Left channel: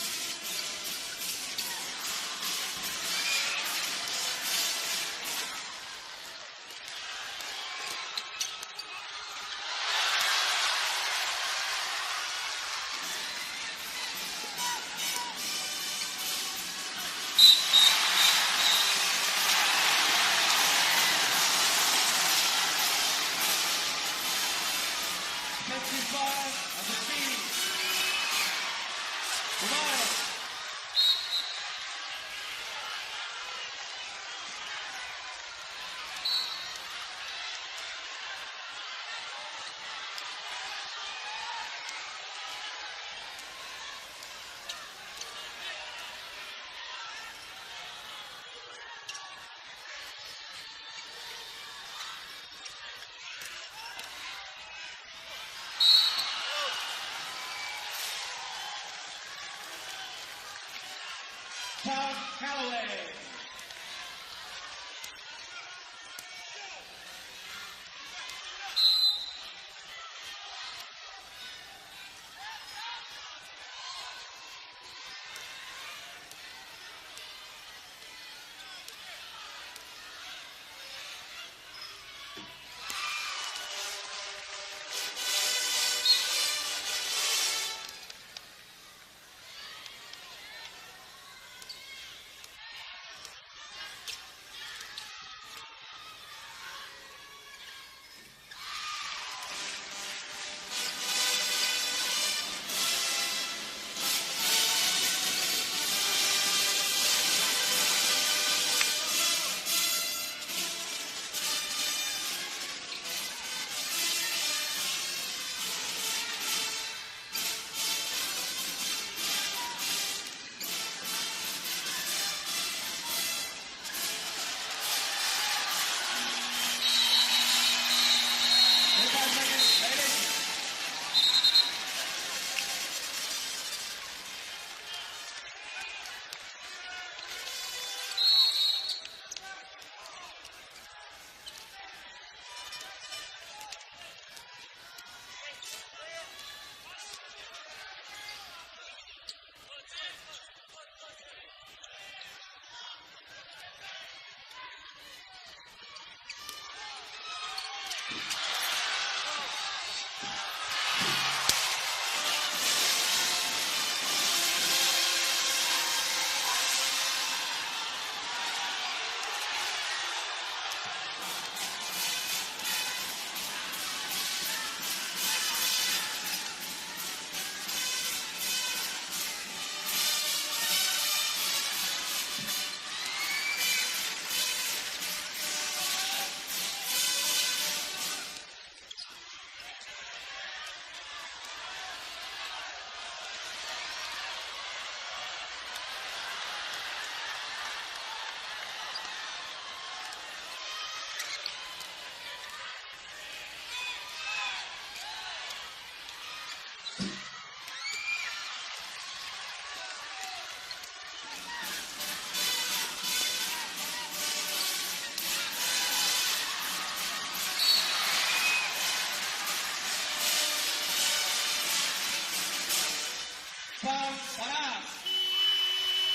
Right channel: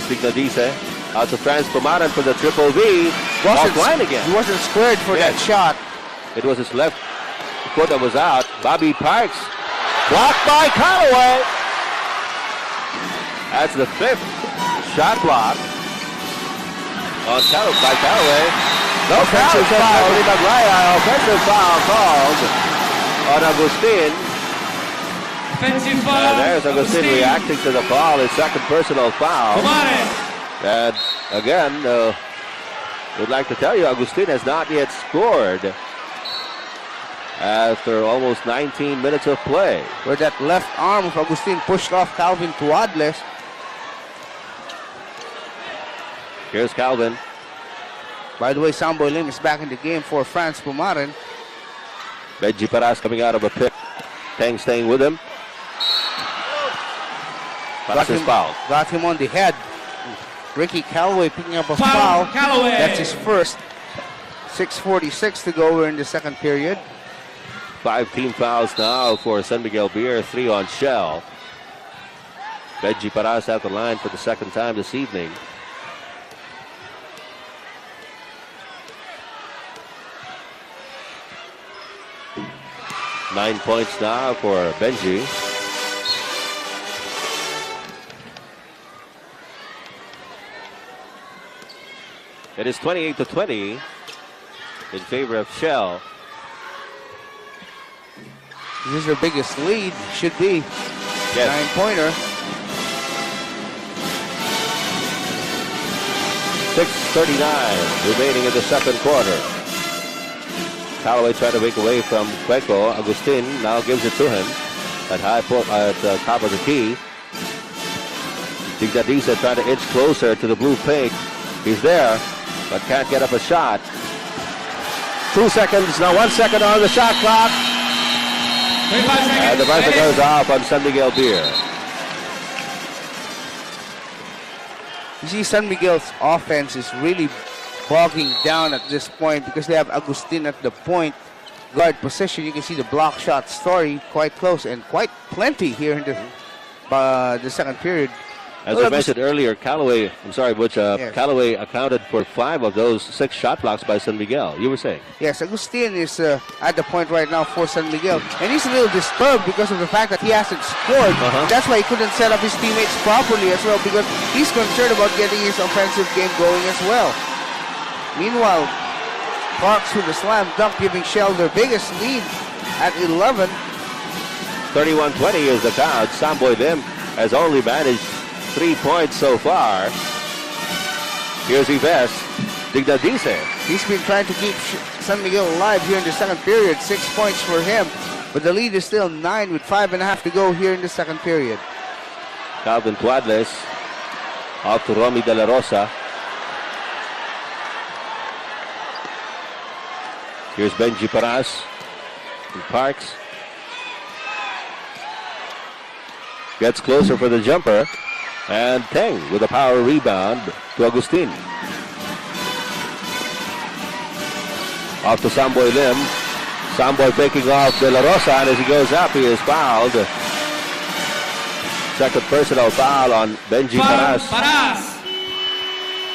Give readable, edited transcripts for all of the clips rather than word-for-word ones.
Dignadice out to Franz Pumaran for the triple V. Off line again. He wasn't squared for that shot. It was his left foot that was out. Bobby Parks blocked by Callaway. That's the 5th shot block on Callaway. No offensive foul. Offensive foul called on Agustin. Offensive foul. And there's Agustin reacting to the foul. His second personal foul. And again, would like to tell you, Agustin has not yet scored after almost 19 minutes of play. Where that left arm of Agustin pushed off Calvin Tuadles. Here's Calvin. By the way, Samboy Lim is back in the game for Franz Pumaran. Benji Paras coming out of a pick. Tang staying with him. Got him on the head. Ricky Callaway picking up a foul. That's his first. 6:46 to go. We're in the second period. 5 team fouls now for San Miguel Beer. 3 on Shell. Benji Paras at the line for the second time this evening. Nine points now for Benji. It is 28-20 in favor of Shell. This is their biggest lead. Should be. Yes. 9-pointer. 6:39 remaining in the second quarter. Callaway trying to break away from Cueco. Agustin now gives it to him at top of the key. Dignadice trying to inch closer to the blue pink. He's there, but can't get up a shot. 2 seconds, now 1 second on the shot clock. And the buzzer goes off on San Miguel Beer. You see, San Miguel's offense is really bogging down at this point because they have Agustin at the point guard position. You can see the block shot story quite close and quite plenty here in the second period. As I mentioned earlier, Callaway accounted for 5 of those 6 shot blocks by San Miguel. You were saying? Yes, Agustin is at the point right now for San Miguel. And he's a little disturbed because of the fact that he hasn't scored. That's why he couldn't set up his teammates properly as well, because he's concerned about getting his offensive game going as well. Meanwhile, Parks with the slam dunk, giving Shell their biggest lead at 11. 31-20 is the count. Samboy Lim has only managed 3 points so far. Here's Yves Dignadice. He's been trying to keep San Miguel alive here in the second period. 6 points for him. But the lead is still 9 with 5.5 to go here in the second period. Calvin Tuadles off to Romy De La Rosa. Here's Benji Paras and Parks. Gets closer for the jumper. And Teng with a power rebound to Agustin. Off to Samboy Lim. Samboy faking off De La Rosa, and as he goes up, he is fouled. Second personal foul on Benji Paras.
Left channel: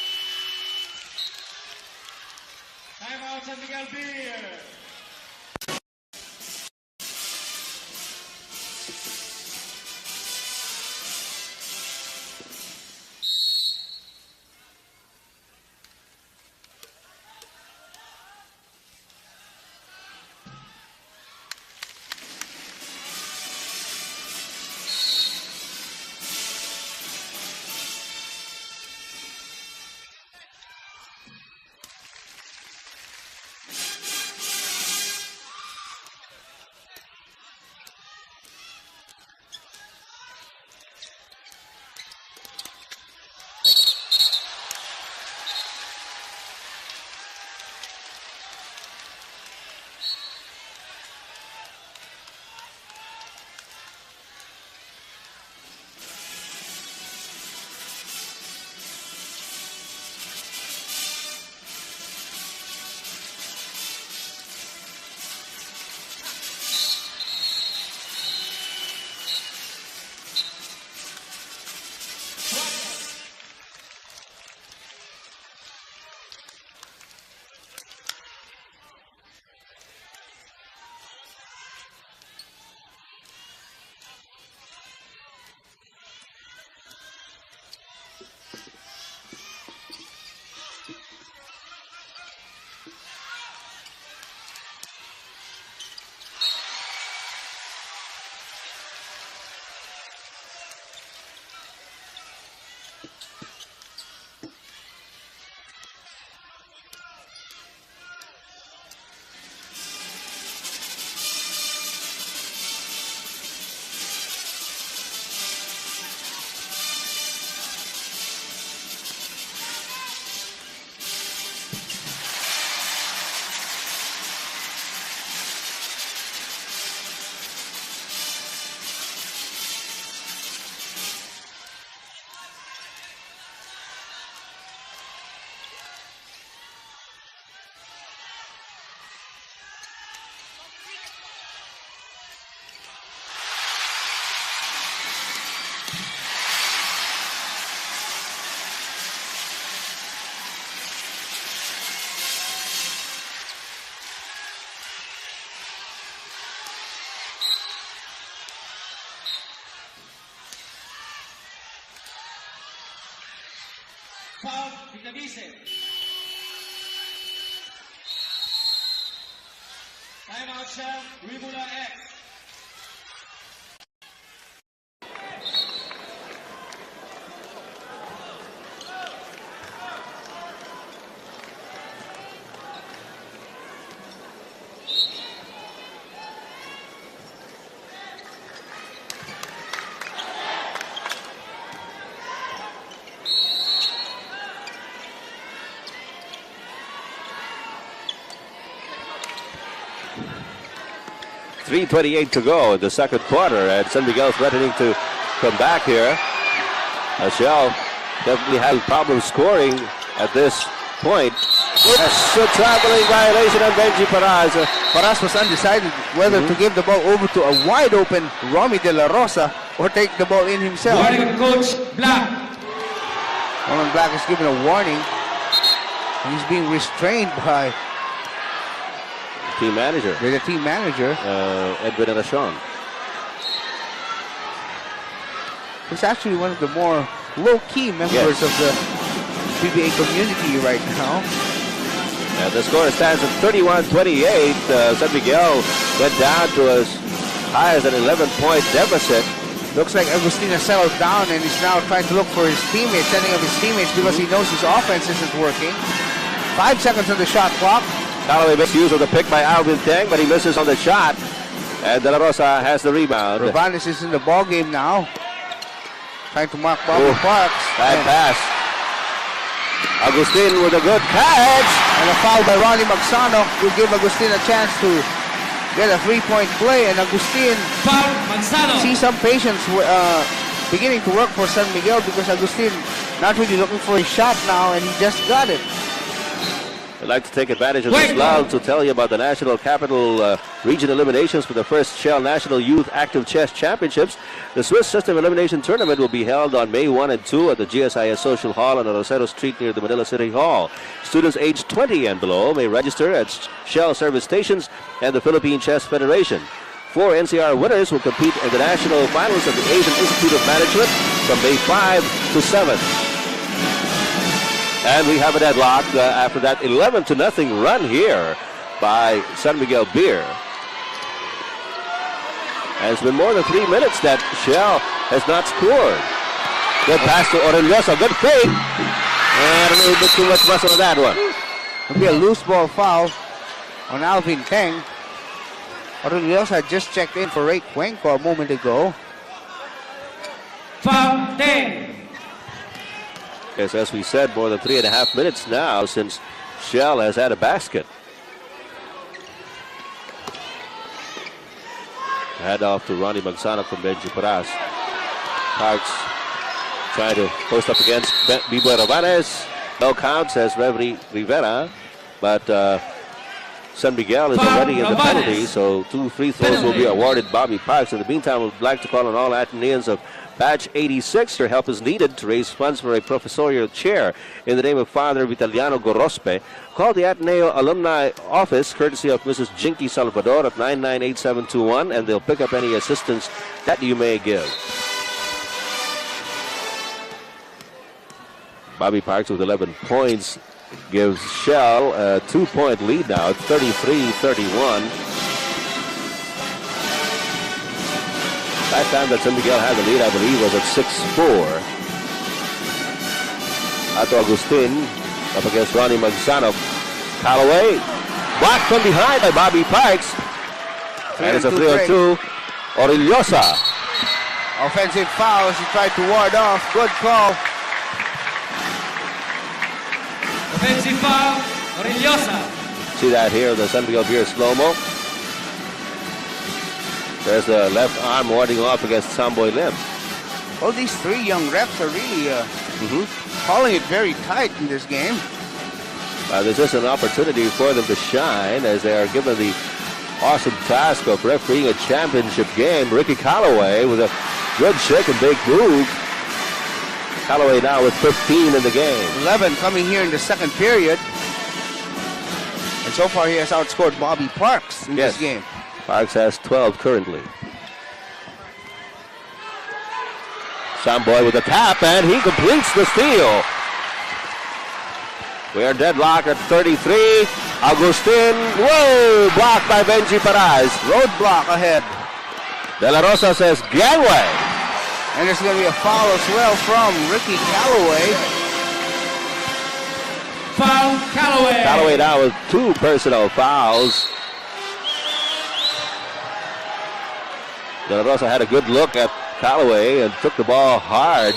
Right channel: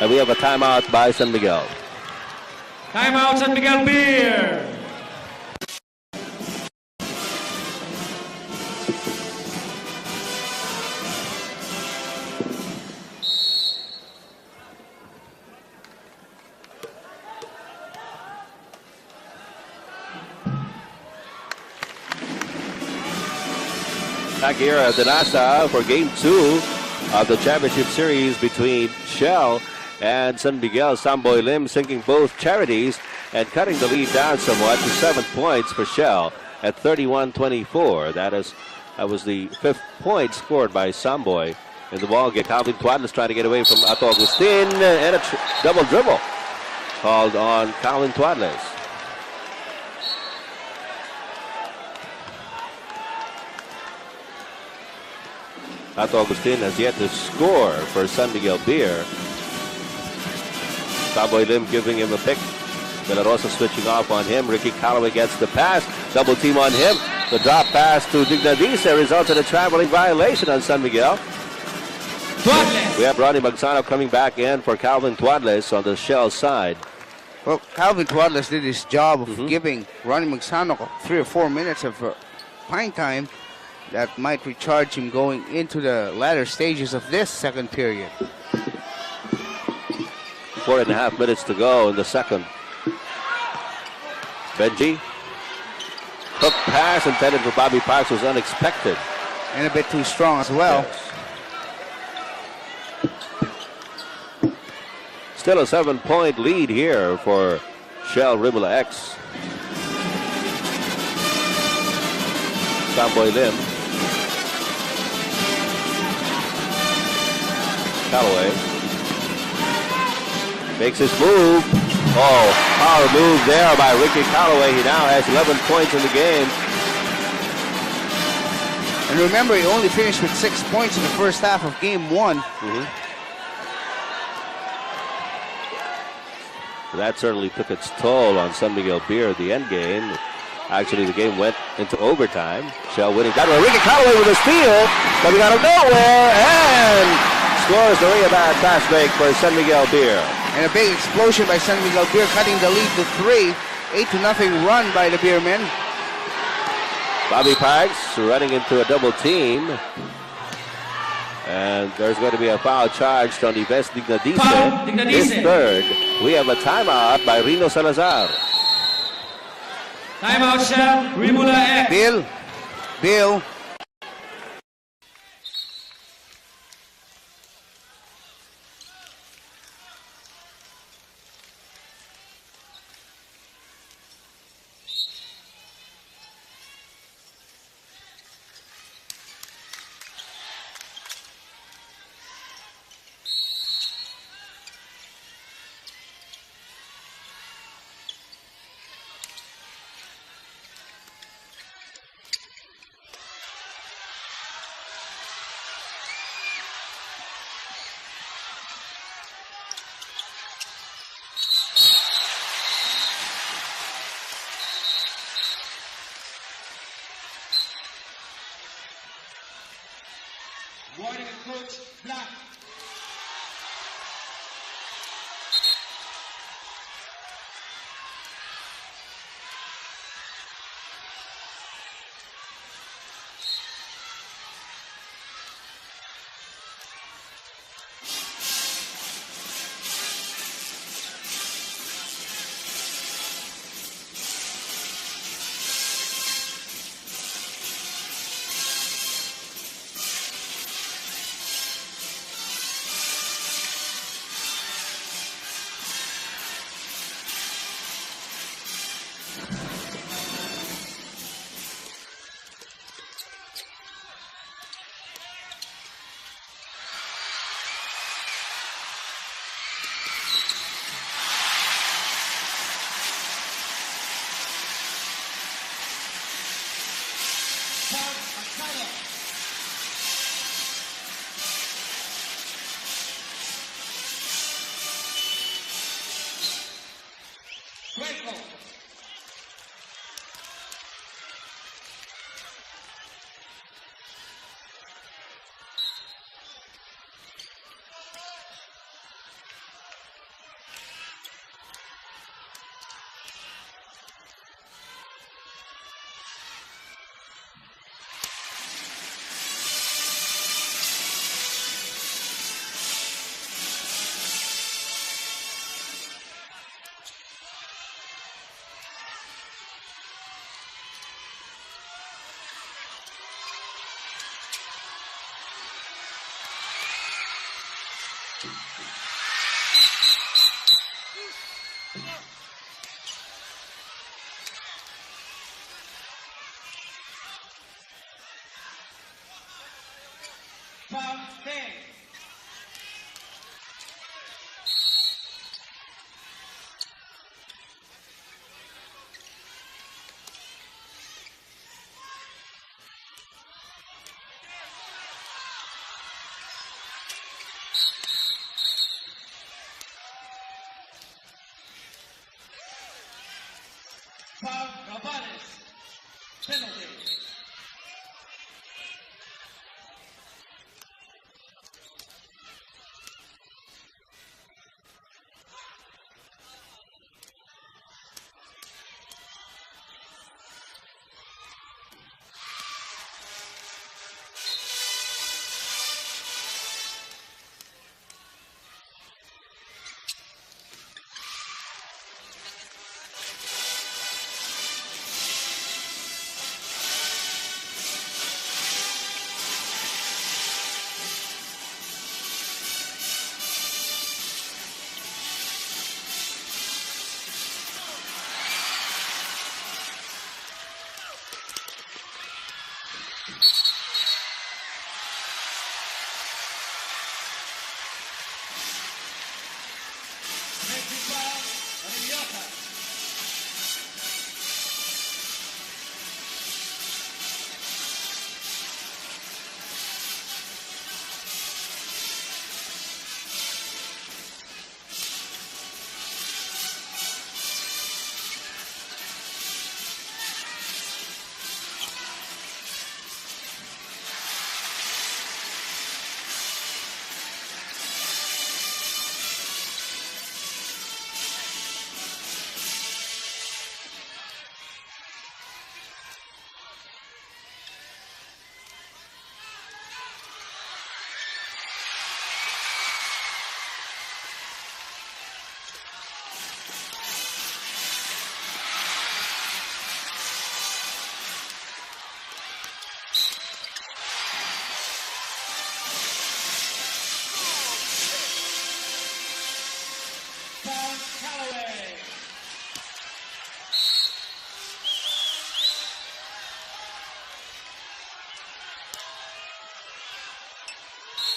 And we have a timeout by San Miguel. Timeout San Miguel Beer. Back here at the NASA for Game 2 of the championship series between Shell and San Miguel. Samboy Lim sinking both charities and cutting the lead down somewhat to 7 points for Shell at 31-24. That was the 5th point scored by Samboy in the ball game. Calvin Tuadles trying to get away from Ato Agustin, and a double dribble called on Calvin Tuadles. Ato Agustin has yet to score for San Miguel Beer. Samboy Lim giving him a pick. De La Rosa switching off on him. Ricky Callaway gets the pass. Double team on him. The drop pass to Dignadice results in a traveling violation on San Miguel. Tuadles. We have Ronnie Magsano coming back in for Calvin Tuadles on the Shell side. Well, Calvin Tuadles did his job of giving Ronnie Magsano 3 or 4 minutes of playing time that might recharge him going into the latter stages of this second period. 4.5 minutes to go in the second. Benji. Hook pass intended for Bobby Parks was unexpected. And a bit too strong as well. Yes. Still a 7-point lead here for Shell Rimula X. Samboy Lim. Callaway. Makes his move. Oh, power move there by Ricky Callaway. He now has 11 points in the game. And remember, he only finished with 6 points in the first half of game 1. That certainly took its toll on San Miguel Beer at the end game. Actually, the game went into overtime. Shell winning. Got Ricky Callaway with a steal. Coming out of nowhere. And scores the rebound pass break for San Miguel Beer. And a big explosion by San Miguel Beer, cutting the lead to 3. 8-0 run by the Beermen. Bobby Parks running into a double team. And there's going to be a foul charged on Yves Dignadice. His third. We have a timeout by Rino Salazar. Timeout, Shell Rimula X. Bill. .328 to go in the second quarter, and San Miguel threatening to come back here. Shell definitely had problems scoring at this point. It's a traveling violation on Benji Paraz. Paraz was undecided whether to give the ball over to a wide open Romy De La Rosa or take the ball in himself. Warning, Coach Black. Roman Black is given a warning. He's being restrained by Team manager. the team manager. Edwin Arashon. He's actually one of the more low-key members of the PBA community right now. And the score stands at 31-28. San Miguel went down to as high as an 11-point deficit. Looks like Agustina settled down and he's now trying to look for his teammates, setting up his teammates because he knows his offense isn't working. 5 seconds on the shot clock. Callaway makes use of the pick by Alvin Teng, but he misses on the shot. And De La Rosa has the rebound. Ravanes is in the ball game now. Trying to mark Bobby Parks. Bad pass. Agustin with a good catch. And a foul by Ronnie Magsano will give Agustin a chance to get a 3-point play. And Agustin sees some patience beginning to work for San Miguel because Agustin not really looking for his shot now, and he just got it. I'd like to take advantage of this lull to tell you about the National Capital Region eliminations for the first Shell National Youth Active Chess Championships. The Swiss System Elimination Tournament will be held on May 1 and 2 at the GSIS Social Hall on Rosero Street near the Manila City Hall. Students aged 20 and below may register at Shell service stations and the Philippine Chess Federation. 4 NCR winners will compete in the national finals of the Asian Institute of Management from May 5 to 7. And we have a deadlock after that 11-0 run here by San Miguel Beer. And it's been more than 3 minutes that Shell has not scored. Good pass to Orellosa, good fake. And a little bit too much muscle on that one. It'll be a loose ball foul on Alvin Teng. Orellosa had just checked in for Ray Cuenco a moment ago. Foul, Teng. Yes, as we said, more than 3.5 minutes now since Shell has had a basket. Head off to Ronnie Magsano from Benji Paraz. Parks trying to post up against Bibo Ravanes. No count, says Reverie Rivera. But San Miguel is already in the penalty, so 2 free throws will be awarded Bobby Parks. In the meantime, we'd like to call on all Ateneans of Batch 86. Your help is needed to raise funds for a professorial chair in the name of Father Vitaliano Gorospe. Call the Ateneo Alumni Office, courtesy of Mrs. Jinky Salvador at 998721, and they'll pick up any assistance that you may give. Bobby Parks with 11 points gives Shell a 2-point lead now, 33-31. Last time that San Miguel had the lead, I believe, was at 6-4. Ato Agustin up against Ronnie Magsano. Callaway blocked from behind by Bobby Parks. And it's a 3-on-2. Orillosa. Offensive fouls. He tried to ward off. Good call. Offensive foul, Orillosa. See that here, the San Miguel Beer slow-mo. There's the left arm warding off against Samboy Lim. All these three young refs are really calling it very tight in this game. There's just an opportunity for them to shine as they are given the awesome task of refereeing a championship game. Ricky Callaway with a good shake and bake move. Callaway now with 15 in the game. 11 coming here in the second period. And so far he has outscored Bobby Parks in this game. Parks has 12 currently. Samboy with a tap, and he completes the steal. We are deadlocked at 33. Agustin, whoa, blocked by Benji Paraz. Roadblock ahead. De La Rosa says gangway. And there's going to be a foul as well from Ricky Callaway. Foul, Callaway. Callaway now with 2 personal fouls. De La Rosa had a good look at Callaway and took the ball hard.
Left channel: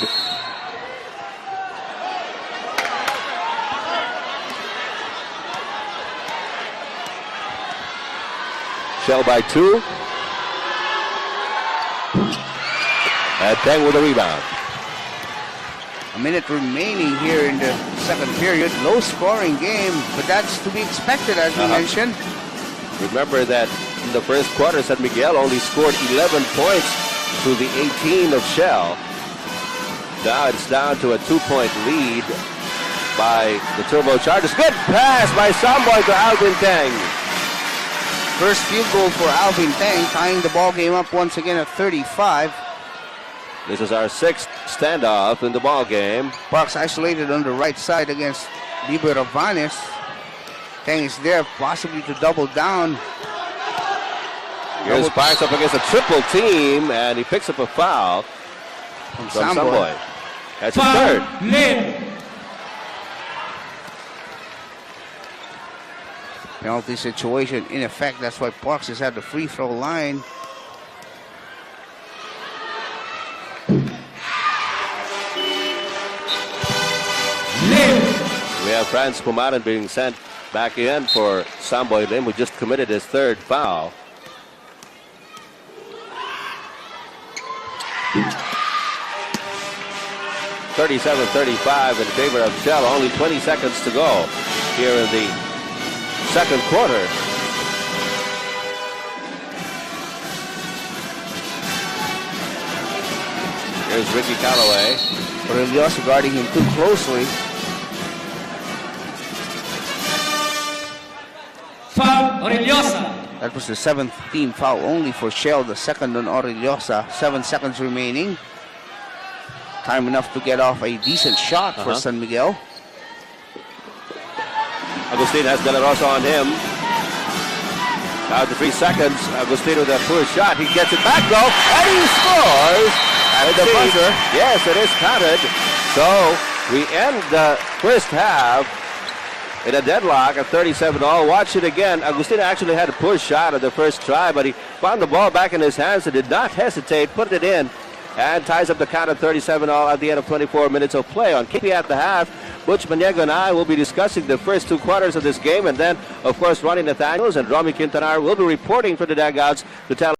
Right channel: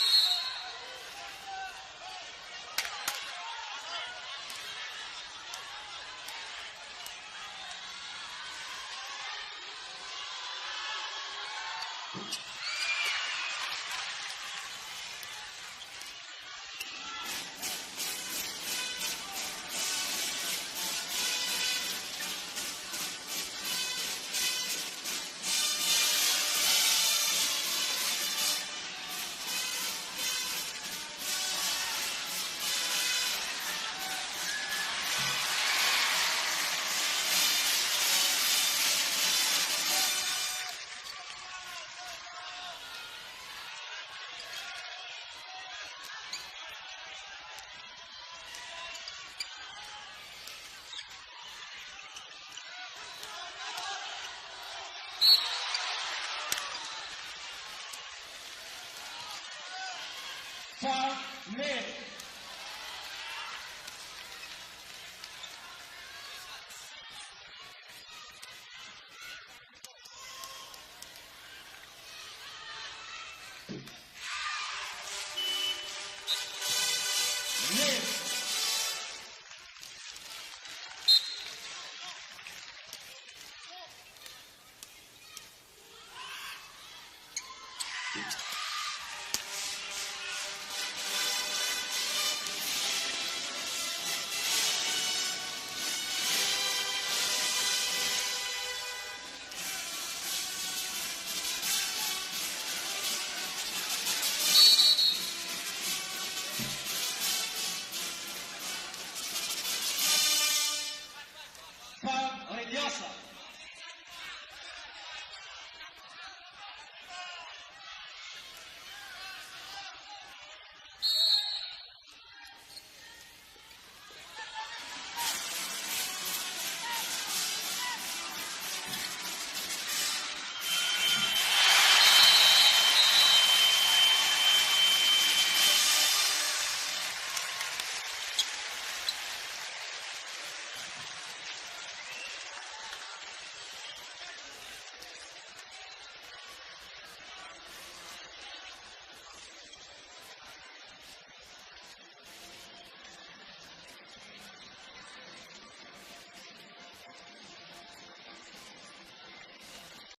Shell by 2. And Teng with a rebound. A minute remaining here in the second period. Low scoring game, but that's to be expected as we mentioned. Remember that in the first quarter, San Miguel only scored 11 points to the 18 of Shell. Now it's down to a 2-point lead by the Turbochargers. Good pass by Samboy to Alvin Teng. First field goal for Alvin Teng, tying the ball game up once again at 35. This is our 6th standoff in the ball game. Parks isolated on the right side against Liber Ravanes. Teng is there, possibly to double down. Here's Parks up against a triple team, and he picks up a foul from Samboy. That's his third. Lim. Penalty situation in effect. That's why Parks is at the free throw line. Lim. We have Franz Pumaran being sent back in for Samboy Lim, who just committed his 3rd foul. (37-35) in favor of Shell. Only 20 seconds to go here in the second quarter. Here's Ricky Callaway. Orillosa guarding him too closely. Foul, Orillosa. That was the 7th team foul only for Shell, the second on Orillosa. 7 seconds remaining. Time enough to get off a decent shot for San Miguel. Agustin has De La Rosa on him. Down to 3 seconds. Agustin with a poor shot. He gets it back though, and he scores. At the buzzer. Yes, it is counted. So we end the first half in a deadlock at 37-all. Watch it again. Agustin actually had a poor shot at the first try, but he found the ball back in his hands and did not hesitate, put it in, and ties up the count at 37-all at the end of 24 minutes of play. On KP at the half, Butch Maniego and I will be discussing the first 2 quarters of this game, and then, of course, Ronnie Nathaniels and Romy Quintanar will be reporting for the dugouts to tell